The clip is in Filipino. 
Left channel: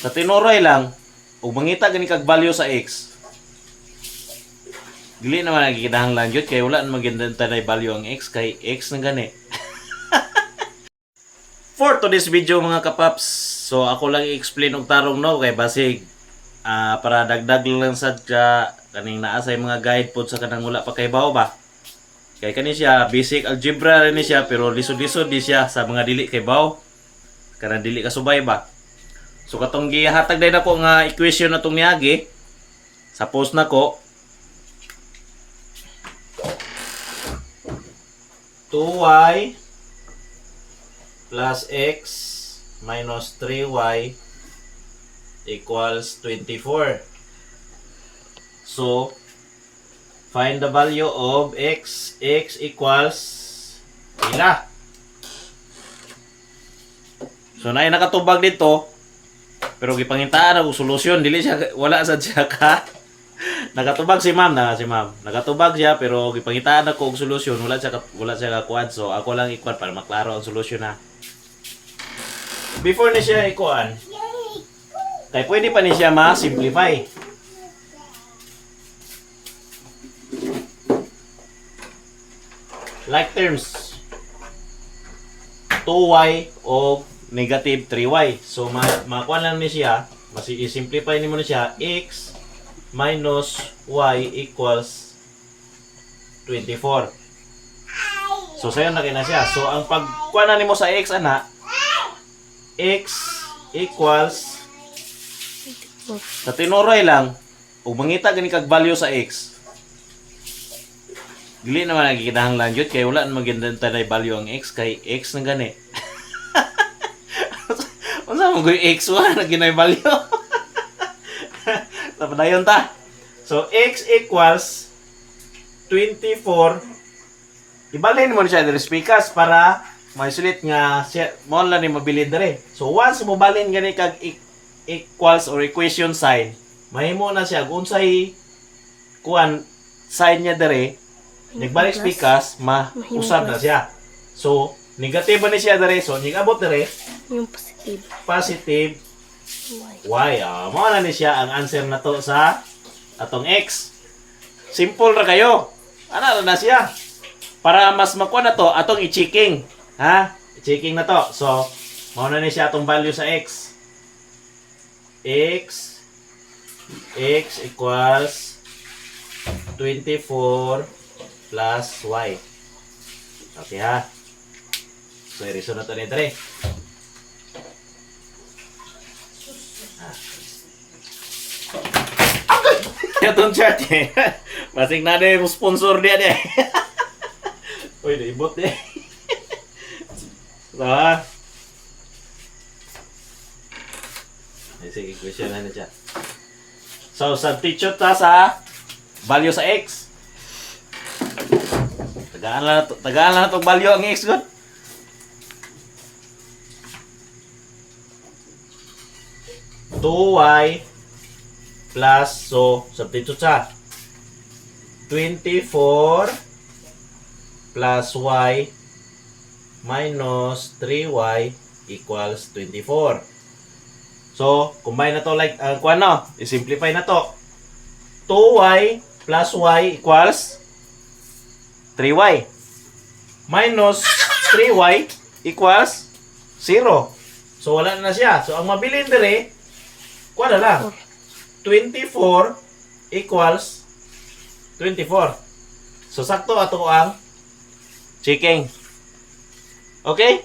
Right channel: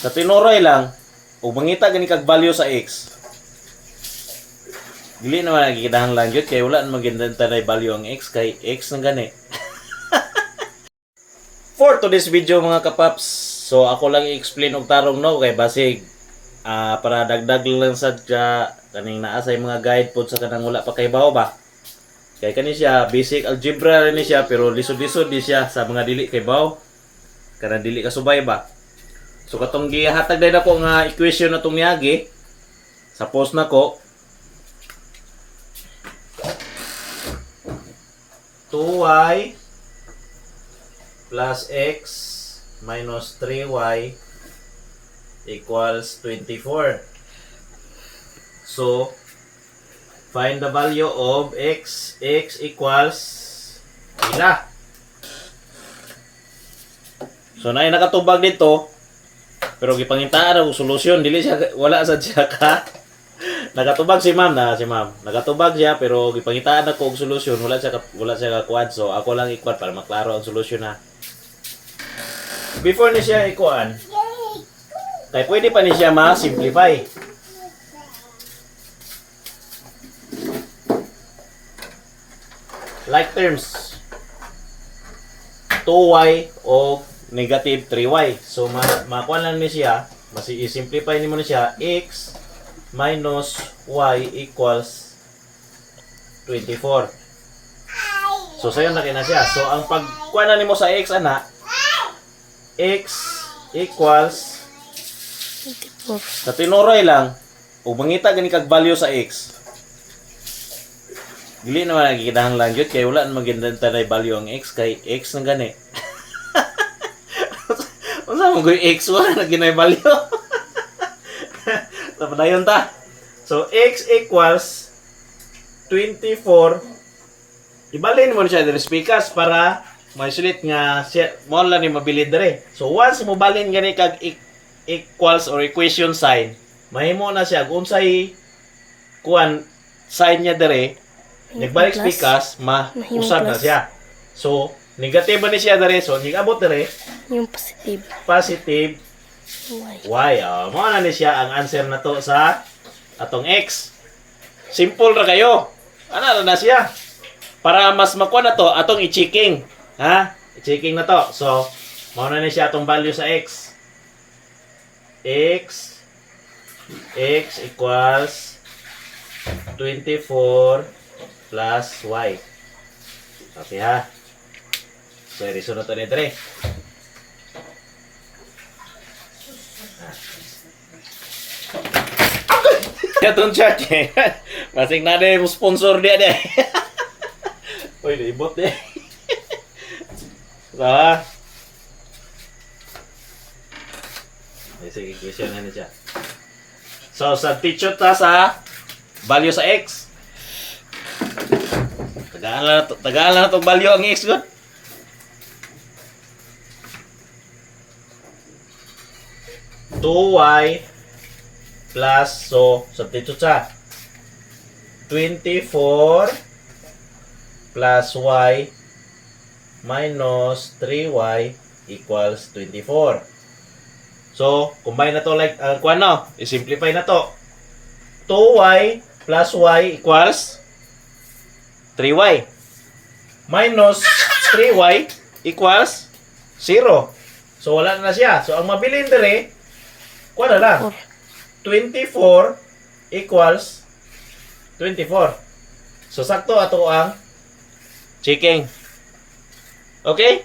Sa tinuray lang, ug mangita gani kag value sa x. Dili naman nagkikidahanglan gyud kay wala naman gindantanay value ang x kay x na gani. For today's video mga kapaps, so ako lang i-explain og tarong no kay basig para dagdag lang sad ka kaning naa sa mga guide pod sa kanang wala pa kay bawo ba. Kay kani siya basic algebra rin siya pero lisod-lisod di siya sa mga dili kay bawo. Kanang dili kasubay ba. So katong gihatag din ako nga equation na tong niagi. Suppose nako 2y plus x minus 3y equals 24. So, find the value of x. X equals ila. So, na nakatubag dito. Pero gipangitaan ako solusyon. Dili siya, wala sa siya ka. Nakatubag si ma'am na, si ma'am. Nakatubag siya pero gipangitaan ako og solusyon. Wala siya kakuan. So, ako lang ikuan para maklaro ang solusyon na. Before ni siya ikuan, kaya pwede pa ni siya ma-simplify. Like terms, 2y o negative 3y. So, makuha lang ni siya, i-simplify ni mo na siya, x minus y equals 24. So, sayo na na siya. So, ang pagkuha na ni mo sa x, ana, x equals sa tinuray lang ug mangita gani kag value sa x. Dili naman nagkikidahanglan gyud kay wala naman gindantanay value ang x kay x na gani. Unsa mo goy x wala na ginay value. So padayon ta. So x equals 24. Ibalhin mo na siya diri spikas para masulit nga mo lang ni mabilid dire. So once mo balhin gani kag equals or equation sign, mahimo na siya kung unsay kuan sign niya dire, nagbalik spikas, mausab na siya. So negative ni siya dire, so nigabot dire yung positive. Positive Y. mo na ni siya ang answer na to sa atong x. Simple ra kayo. Ana na siya. Para mas makuha na to, atong i-checking. Ha? I-checking na to. So, mauna na siya atong value sa x. X equals 24 plus y. Okay ha? So, i-resolve na to ni 3. Itong chat eh. Masing na rin yung sponsor dia deh. Uy, naibot deh. Salah. Sige, question na niya. So, substitute ta sa value sa x. Tagaan lang na itong value ang x, good. y plus, so, substitute sa 24 plus y minus 3y equals 24. So, combine na to like, kuha no, i-simplify na to. 2y plus y equals 3y. Minus 3y equals 0. So, wala na siya. So, ang mabilin dire, kuha na lang. 24 equals 24. So, sakto ato ang checking. Okay?